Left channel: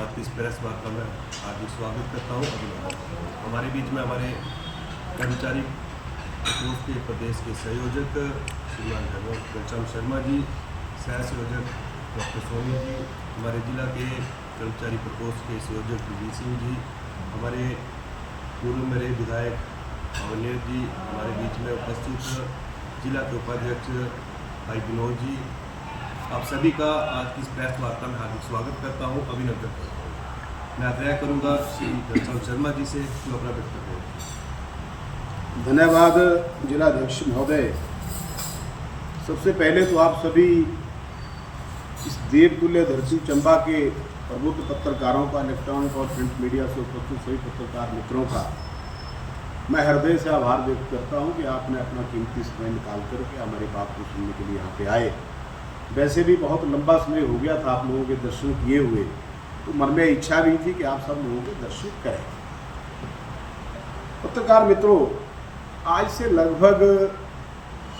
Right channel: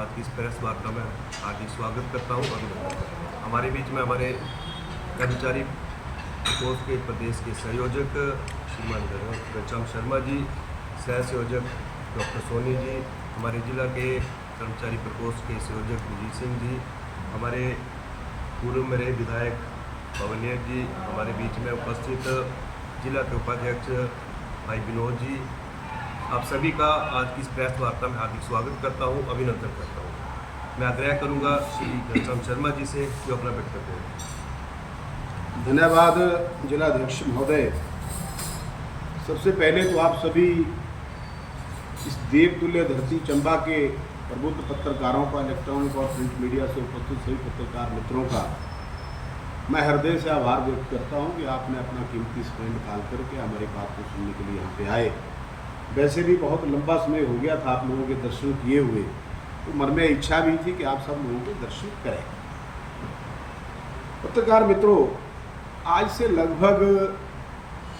आज की इस प्रेस वार्ता में हार्दिक स्वागत करता हूँ। अभिनंदन। हमारे बीच में हमारे कर्मचारी प्रकोष्ठ के प्रदेश के संयोजक श्रीमान घनश्याम शर्मा जी, सह संयोजक डॉक्टर सोनी जी, हमारे जिला के कर्मचारी प्रकोष्ठ के संयोजक विजय सिंह जी, हमारे पूर्व मेरे विधायक पवनियर जी, हमारे बीच में उपस्थित जिला के उपाध्यक्ष भाई विनोद जी, आप सभी का आज की इस प्रेस वार्ता में हार्दिक स्वागत करता हूं, अभिनंदन करता हूं। मैं आग्रह करूंगा श्री घनश्याम शर्मा जी से जो अपना वक्तव्य है। धन्यवाद जिलाध्यक्ष महोदय। सबसे पहले तो आप सभी इस देवतुल्य धरती चंबा के प्रबुद्ध पत्रकारों का, इलेक्ट्रॉनिक और प्रिंट मीडिया से उपस्थित सभी पत्रकार मित्रों का मैं हृदय से आभार व्यक्त करता हूं कि आपने अपना कीमती समय निकाल करके हमारी बात को सुनने के लिए यहाँ पे आए। वैसे भी बहुत लंबा समय हो गया था आप लोगों के दर्शन किए हुए, तो मन में इच्छा भी थी कि आप सब लोगों के दर्शन करें। पत्रकार मित्रों, आज से लगभग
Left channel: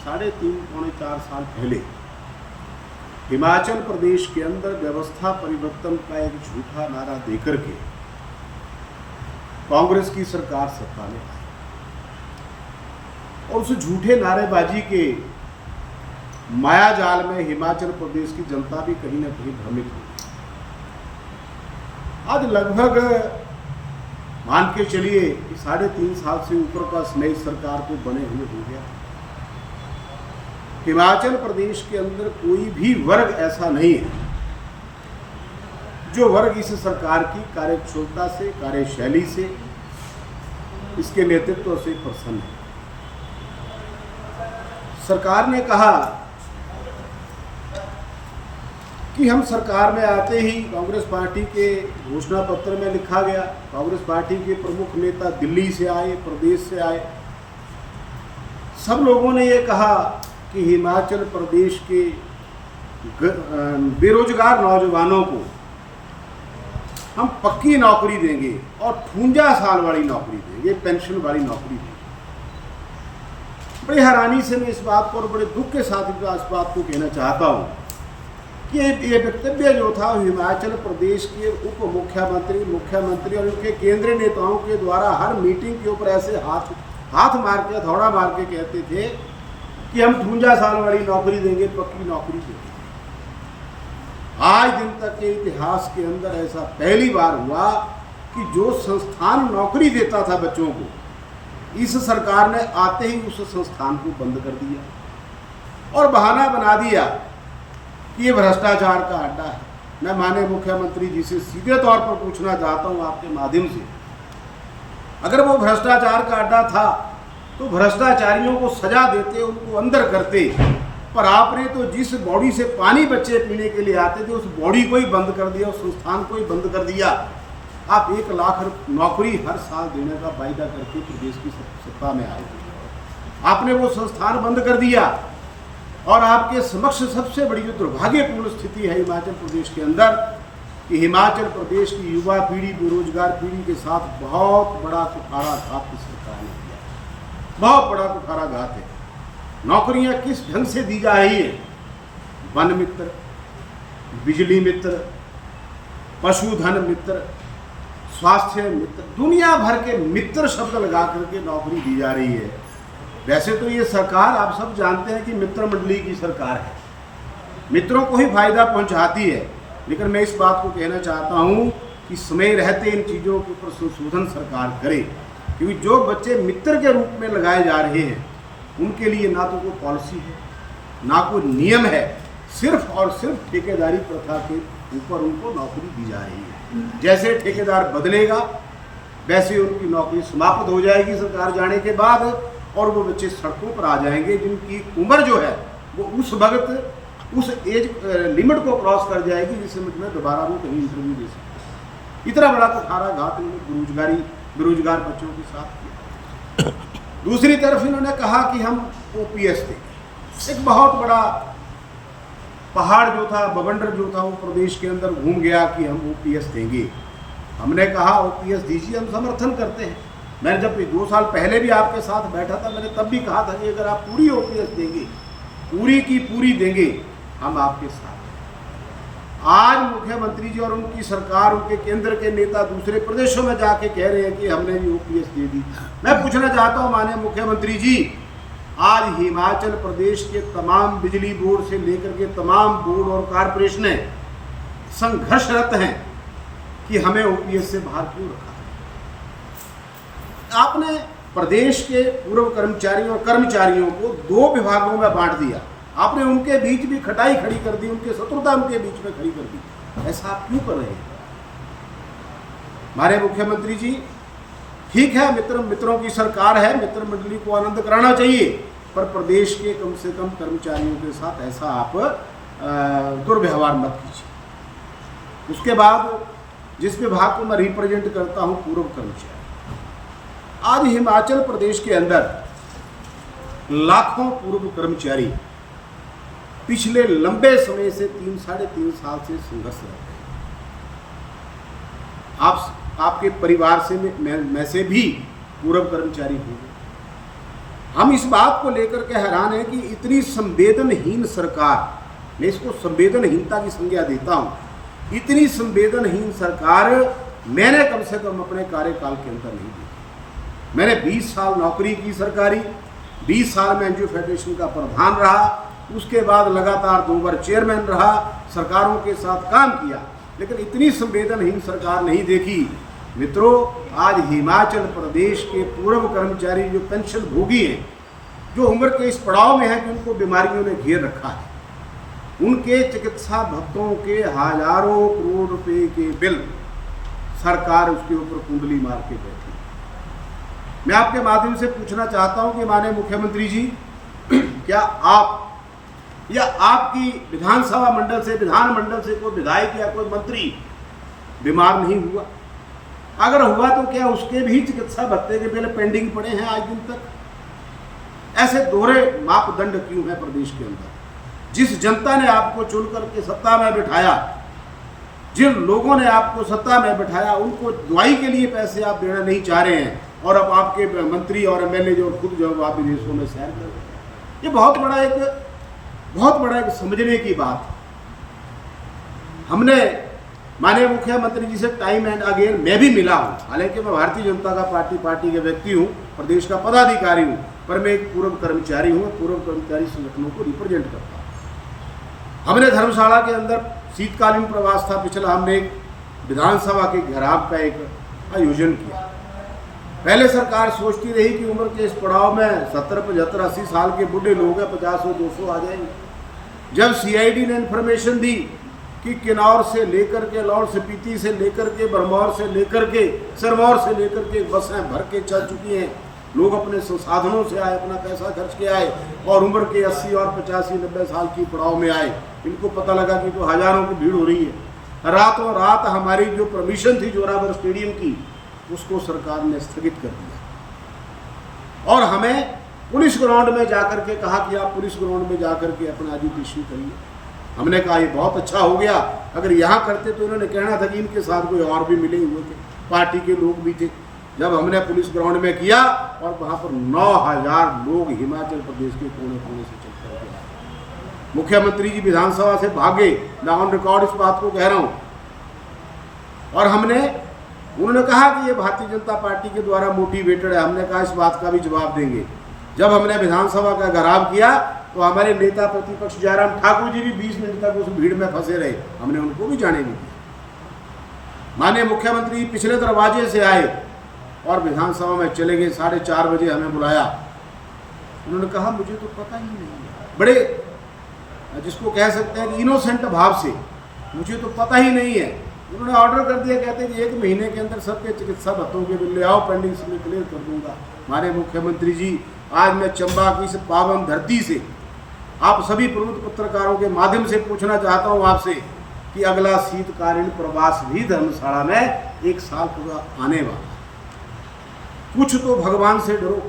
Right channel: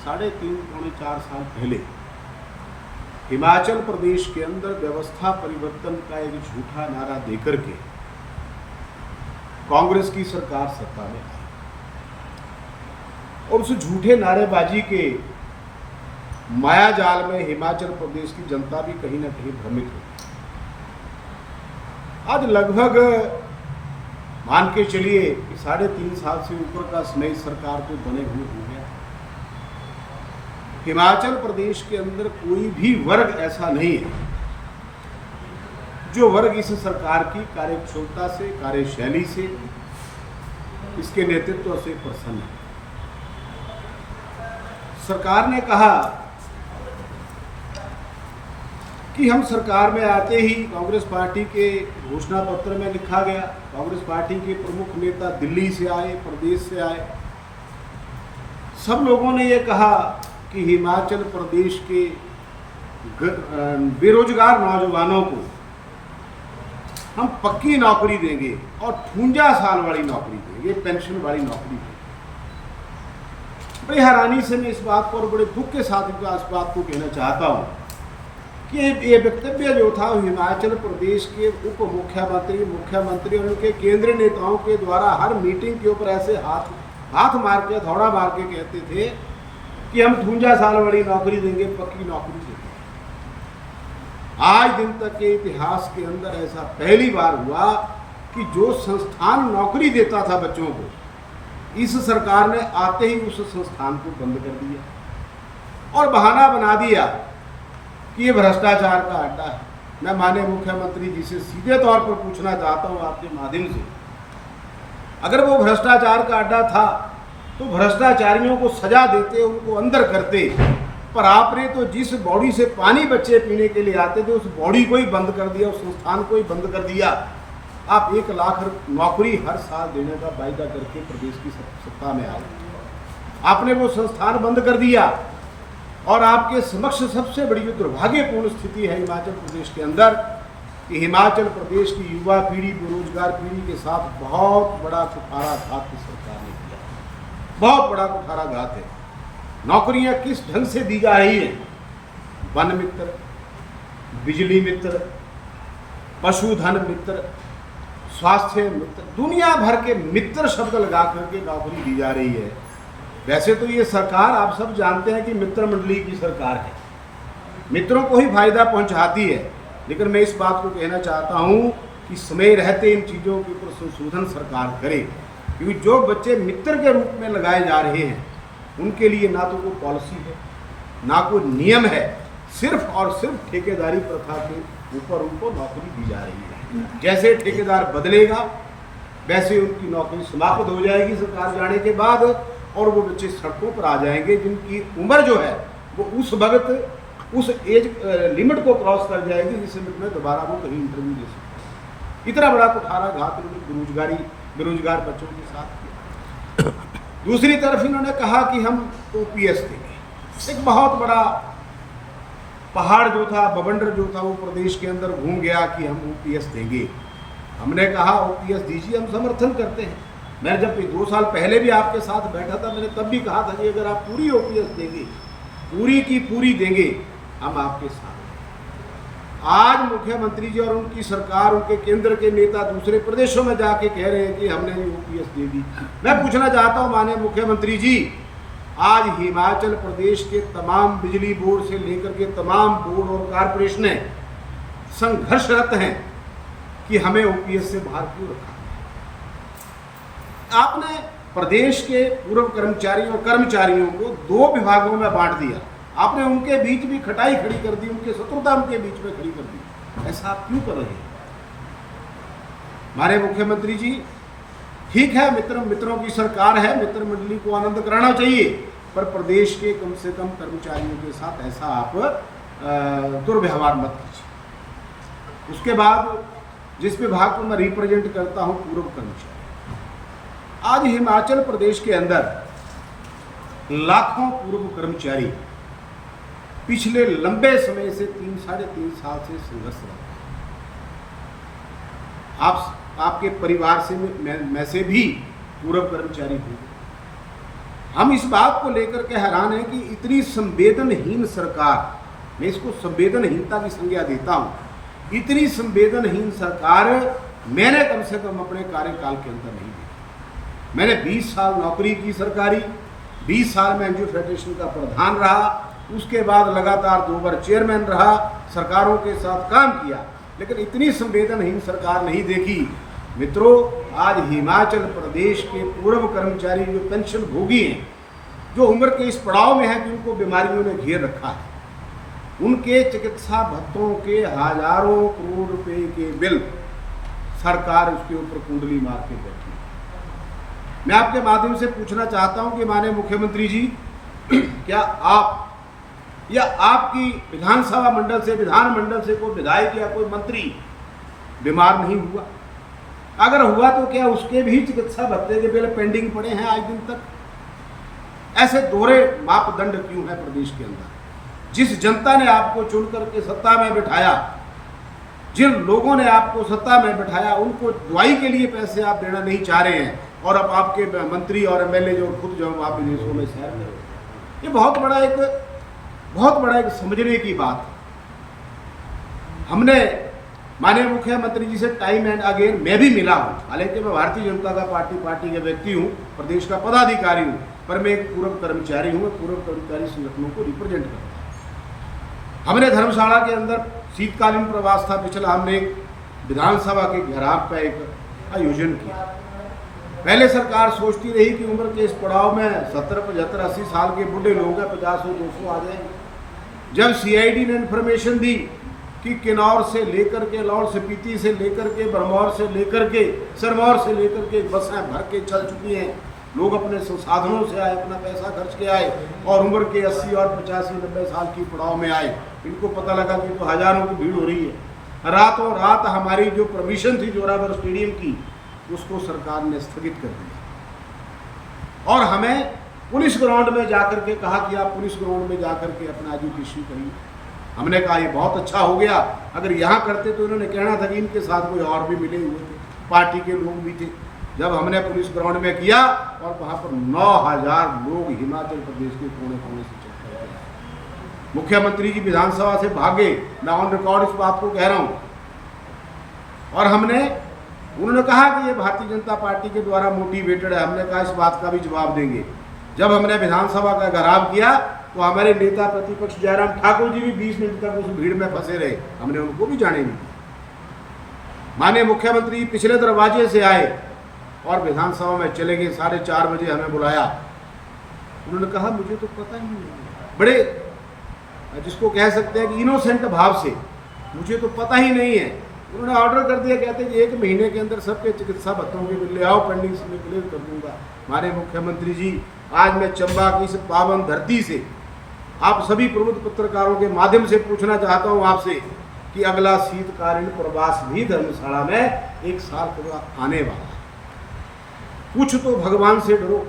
3.5-4 साल पहले हिमाचल प्रदेश के अंदर व्यवस्था परिवर्तन का एक झूठा नारा देकर के कांग्रेस की सरकार सत्ता में आई और उस झूठे नारेबाजी के माया जाल में हिमाचल प्रदेश की जनता भी कहीं ना कहीं भ्रमित हुई। आज लगभग मान के चलिए कि 3.5 साल से ऊपर का नई सरकार को बने हुए हो गया। हिमाचल प्रदेश के अंदर कोई भी वर्ग ऐसा नहीं है जो वर्ग इस सरकार की कार्यकुशलता से, कार्यशैली से, इसके नेतृत्व से प्रसन्न है। सरकार ने कहा कि हम सरकार में आते ही कांग्रेस पार्टी के घोषणा पत्र में लिखा गया, कांग्रेस पार्टी के प्रमुख नेता दिल्ली से आए, प्रदेश से आए, सब लोगों ने ये कहा कि हिमाचल प्रदेश के बेरोजगार नौजवानों को हम पक्की नौकरी देंगे और 52 साल वाली नौकरी देंगे, पेंशन वाली नौकरी देंगे। बड़ी हैरानी से मैं इस बात को और बड़े दुख के साथ इस बात को कहना चाहता हूँ कि ये वक्तव्य जो था हिमाचल प्रदेश के उप मुख्यमंत्री, मुख्यमंत्री और उनके केंद्रीय नेताओं के द्वारा हर मीटिंग के ऊपर ऐसे हाथ मार के, थोड़ा मार के कहते थे कि हम 52 साल वाली नौकरी देंगे, पक्की नौकरी देंगे। आज दिन तक के इतिहास के अंदर ऐसा पहली बार हुआ कि जो संस्थान नौकरी देता था बच्चों को, इस सरकार ने आते ही उस संस्थान को बंद कर दिया और बहाना बना दिया कि ये भ्रष्टाचार का अड्डा है। मैं माननीय मुख्यमंत्री जी से सीधे तौर पर पूछना चाहता हूँ आपके माध्यम से, अगर वो भ्रष्टाचार का अड्डा था तो भ्रष्टाचारियों को सजा देते, उनको अंदर करते, पर आपने तो जिस बॉडी से पानी बच्चे पीने के लिए आते थे उस बॉडी को ही बंद कर दिया, उस संस्थान को ही बंद कर दिया। आप 1 लाख नौकरी हर साल देने का वायदा करके प्रदेश की सत्ता में आए, आपने वो संस्थान बंद कर दिया और आपके समक्ष सबसे बड़ी जो दुर्भाग्यपूर्ण स्थिति है हिमाचल प्रदेश के अंदर कि हिमाचल प्रदेश की युवा पीढ़ी, बेरोजगार पीढ़ी के साथ बहुत बड़ा कुठाराघात इस सरकार ने किया, बहुत बड़ा कुठाराघात है। नौकरियां किस ढंग से दी जा रही है, वन मित्र, बिजली मित्र, पशुधन मित्र, स्वास्थ्य मित्र, दुनिया भर के मित्र शब्द लगा करके नौकरी दी जा रही है। वैसे तो ये सरकार आप सब जानते हैं कि मित्र मंडली की सरकार है, मित्रों को ही फायदा पहुंचाती है, लेकिन मैं इस बात को कहना चाहता हूं कि समय रहते इन चीज़ों के ऊपर संशोधन सरकार करे, क्योंकि जो बच्चे मित्र के रूप में लगाए जा रहे हैं उनके लिए ना तो कोई पॉलिसी है, ना कोई नियम है, सिर्फ और सिर्फ ठेकेदारी प्रथा के ऊपर उनको नौकरी दी जा रही है। जैसे ठेकेदार बदलेगा वैसे उनकी नौकरी समाप्त हो जाएगी सरकार जाने के बाद और वो बच्चे सड़कों पर आ जाएंगे जिनकी उम्र जो है वो उस वक्त उस एज लिमिट को क्रॉस कर जाएगी जिस लिमिट में दोबारा वो कहीं इंटरव्यू दे सकते। इतना बड़ा कुठाराघात इन्होंने बेरोजगार बच्चों के साथ किया। दूसरी तरफ इन्होंने कहा कि हम ओपीएस देंगे। एक बहुत बड़ा पहाड़ जो था, बवंडर जो था, वो प्रदेश के अंदर घूम गया कि हम ओपीएस देंगे। हमने कहा ओपीएस दीजिए, हम समर्थन करते हैं। मैंने जब 2 साल पहले भी आपके साथ बैठा था, मैंने तब भी कहा था कि अगर आप पूरी ओपीएस देंगे, पूरी की पूरी देंगे, हम आपके साथ हैं। आज मुख्यमंत्री जी और उनकी सरकार, उनके केंद्र के नेता दूसरे प्रदेशों में जाके कह रहे हैं कि हमने ये ओपीएस दे दी। मैं पूछना चाहता हूं माननीय मुख्यमंत्री जी, आज हिमाचल प्रदेश के तमाम बिजली बोर्ड से लेकर के तमाम बोर्ड और कारपोरेशनें संघर्षरत हैं कि हमें ओपीएस से बाहर क्यों रखा है। आपने प्रदेश के पूर्व कर्मचारियों और कर्मचारियों को 2 विभागों में बांट दिया, आपने उनके बीच भी खटाई खड़ी कर दी, उनके शत्रुता उनके बीच में खड़ी कर दी। ऐसा आप क्यों कर रहे हैं हमारे मुख्यमंत्री जी? ठीक है, मित्रों की सरकार है, मित्र मंडली को आनंद कराना चाहिए, पर प्रदेश के कम से कम कर्मचारियों के साथ ऐसा आप दुर्व्यवहार मत कीजिए। उसके बाद जिस विभाग को मैं रिप्रेजेंट करता हूं, पूर्व कर्मचारी, आज हिमाचल प्रदेश के अंदर लाखों पूर्व कर्मचारी पिछले लंबे समय से 3-3.5 साल से संघर्षरत हैं। आपके परिवार से मैं से भी पूर्व कर्मचारी होंगे। हम इस बात को लेकर के हैरान हैं कि इतनी संवेदनहीन सरकार, मैं इसको संवेदनहीनता की संज्ञा देता हूं, इतनी संवेदनहीन सरकार मैंने कम से कम अपने कार्यकाल के अंदर नहीं देखी। मैंने 20 साल नौकरी की सरकारी, 20 साल में एनजीओ फेडरेशन का प्रधान रहा, उसके बाद लगातार 2 बार चेयरमैन रहा, सरकारों के साथ काम किया, लेकिन इतनी संवेदनहीन सरकार नहीं देखी। मित्रों, आज हिमाचल प्रदेश के पूर्व कर्मचारी जो पेंशन भोगी हैं, जो उम्र के इस पड़ाव में है कि उनको बीमारियों ने घेर रखा है, उनके चिकित्सा भत्तों के हजारों करोड़ रुपए के बिल सरकार उसके ऊपर कुंडली मार के बैठी है। मैं आपके माध्यम से पूछना चाहता हूं कि माननीय मुख्यमंत्री जी, क्या आप या आपकी विधानसभा मंडल से, विधानमंडल से कोई विधायक या कोई मंत्री बीमार नहीं हुआ? अगर हुआ तो क्या उसके भी चिकित्सा भत्ते के बिल पेंडिंग पड़े हैं आज दिन तक? ऐसे दोहरे मापदंड क्यों है प्रदेश के अंदर? जिस जनता ने आपको चुन करके सत्ता में बिठाया, जिन लोगों ने आपको सत्ता में बिठाया, उनको दवाई के लिए पैसे आप देना नहीं चाह रहे हैं, और अब आपके मंत्री और एमएलए जो खुद जो आप विदेशों में सैर कर रहे हैं। ये बहुत बड़ा एक समझने की बात है। हमने माननीय मुख्यमंत्री जी से टाइम एंड अगेन मैं भी मिला हूं, हालांकि मैं भारतीय जनता का पार्टी के व्यक्ति हूं, प्रदेश का पदाधिकारी हूं, पर मैं एक पूर्व कर्मचारी हूं, पूर्व कर्मचारी संगठनों को रिप्रेजेंट करता हूं। हमने धर्मशाला के अंदर शीतकालीन प्रवास था पिछला, हमने एक विधानसभा के घेराव का एक आयोजन किया। पहले सरकार सोचती रही कि उम्र के इस पड़ाव में 70, 75, 80 साल के बूढ़े लोग हैं, 50, 200 आ जाएंगे। जब सीआईडी ने इन्फॉर्मेशन दी कि किन्नौर से लेकर के, लाहौल स्पीति से लेकर के, भरमौर से लेकर के, सिरमौर से लेकर के बसें भर के चल चुकी हैं, लोग अपने संसाधनों से आए, अपना पैसा खर्च के आए, और उम्र के 80 और 85, 90 साल की पड़ाव में आए। इनको पता लगा कि तो हजारों की भीड़ हो रही है। रातों रात हमारी जो परमिशन थी जोरावर स्टेडियम की, उसको सरकार ने स्थगित कर दिया, और हमें पुलिस ग्राउंड में जाकर के कहा कि आप पुलिस ग्राउंड में जाकर के अपना एजुकेशन करिए। हमने कहा ये बहुत अच्छा हो गया, अगर यहाँ करते तो इन्होंने कहना था कि इनके साथ कोई और भी मिले हुए थे, पार्टी के लोग भी थे। जब हमने पुलिस ग्राउंड में किया, और वहाँ पर 9000 लोग हिमाचल प्रदेश के कोने कोने से चल कर के आए। मुख्यमंत्री जी विधानसभा से भागे, मैं ऑन रिकॉर्ड इस बात को कह रहा हूँ। और उन्होंने कहा कि ये भारतीय जनता पार्टी के द्वारा मोटिवेटेड है। हमने कहा इस बात का भी जवाब देंगे। जब हमने विधानसभा का घेराव किया, तो हमारे नेता प्रतिपक्ष जयराम ठाकुर जी भी 20 मिनट तक उस भीड़ में फंसे रहे, हमने उनको भी जाने नहीं दिया। माननीय मुख्यमंत्री पिछले दरवाजे से आए और विधानसभा में चले गए। 4:30 बजे हमें बुलाया, उन्होंने कहा मुझे तो पता ही नहीं है, बड़े जिसको कह सकते हैं कि इनोसेंट भाव से, मुझे तो पता ही नहीं है। उन्होंने ऑर्डर कर दिया, कहते हैं कि 1 महीने के अंदर सबके चिकित्सा भत्तों के बिल ले आओ, पेंडिंग से मैं क्लियर कर दूंगा। हमारे मुख्यमंत्री जी, आज मैं चंबा की इस पावन धरती से आप सभी प्रमुख पत्रकारों के माध्यम से पूछना चाहता हूं आपसे कि अगला शीतकालीन प्रवास भी धर्मशाला में 1 साल का आने वाला है। कुछ तो भगवान से डरो।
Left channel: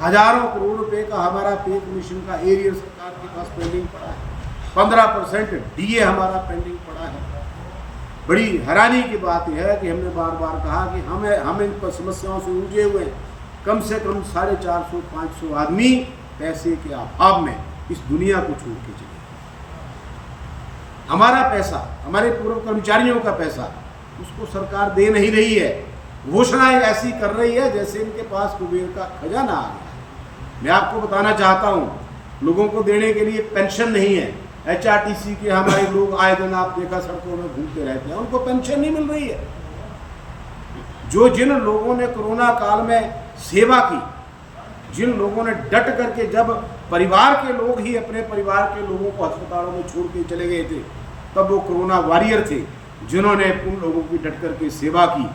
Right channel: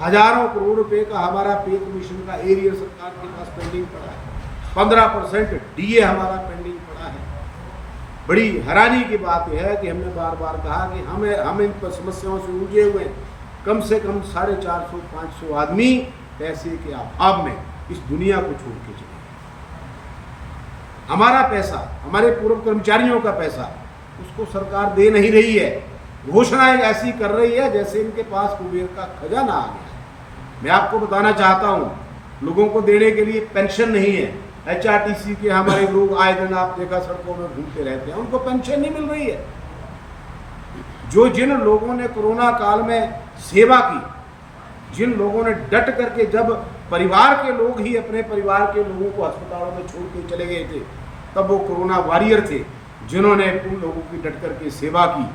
हजारों करोड़ रुपए का हमारा पे कमीशन का एरियर सरकार के पास पेंडिंग पड़ा है, 15% डीए हमारा पेंडिंग पड़ा है। बड़ी हैरानी की बात यह है कि हमने बार बार कहा कि हम इन समस्याओं से उलझे हुए हैं। कम से कम 450-500 आदमी पैसे के अभाव में इस दुनिया को छोड़ के चले। हमारा पैसा, हमारे पूर्व कर्मचारियों का पैसा, उसको सरकार दे नहीं रही है। घोषणाएं ऐसी कर रही है जैसे इनके पास कुबेर का खजाना आ गया है। मैं आपको बताना चाहता हूँ, लोगों को देने के लिए पेंशन नहीं है। HRTC के हमारे लोग आए दिन आप देखा सड़कों में घूमते रहते हैं, उनको पेंशन नहीं मिल रही है। जिन लोगों ने कोरोना काल में सेवा की, जिन लोगों ने डट करके, जब परिवार के लोग ही अपने परिवार के लोगों को अस्पतालों में छोड़ के चले गए थे, तब वो कोरोना वॉरियर थे, जिन्होंने उन लोगों की डट करके सेवा की।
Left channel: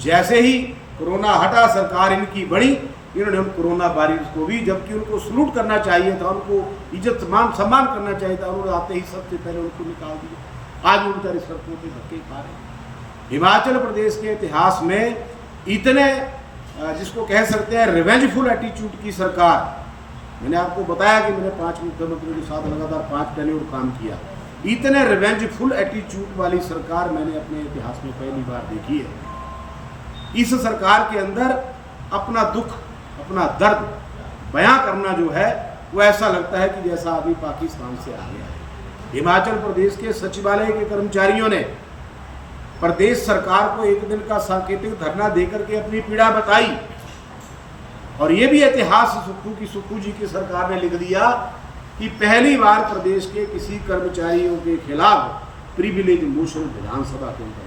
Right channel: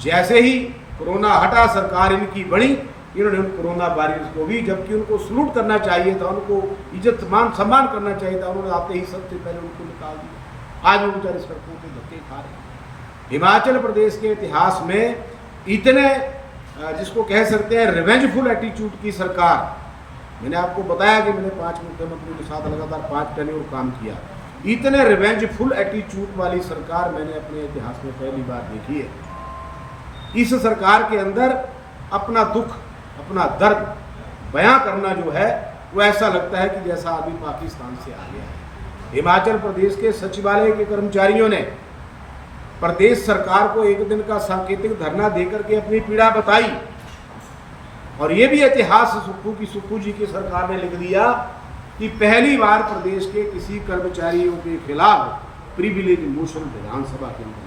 जैसे ही कोरोना हटा, सरकार इनकी बढ़ी, इन्होंने उन कोरोना वॉरियर्स को भी, जबकि उनको सलूट करना चाहिए था, उनको इज्जत सम्मान करना चाहिए था, उन्होंने आते ही सबसे पहले उनको निकाल दिया। आज वो बेचारे सड़कों पे धक्के खा रहे हैं। हिमाचल प्रदेश के इतिहास में इतने जिसको कह सकते हैं रिवेंजफुल एटीट्यूड की सरकार, मैंने आपको बताया कि मैंने 5 मुख्यमंत्रियों के साथ लगातार 5 टेन्योर काम किया, इतने रिवेंजफुल एटीट्यूड वाली सरकार मैंने अपने इतिहास में पहली बार देखी है। इस सरकार के अंदर अपना दुख, अपना दर्द बयां करना जो है, वो ऐसा लगता है कि जैसा आदमी पाकिस्तान से आ गया है। हिमाचल प्रदेश के सचिवालय के कर्मचारियों ने प्रदेश सरकार को एक दिन का सांकेतिक धरना देकर के अपनी पीड़ा बताई, और ये भी इतिहास सुक्खू जी की सरकार ने लिख दिया कि पहली बार प्रदेश के किसी कर्मचारियों के खिलाफ प्रिविलेज मोशन विधानसभा के अंदर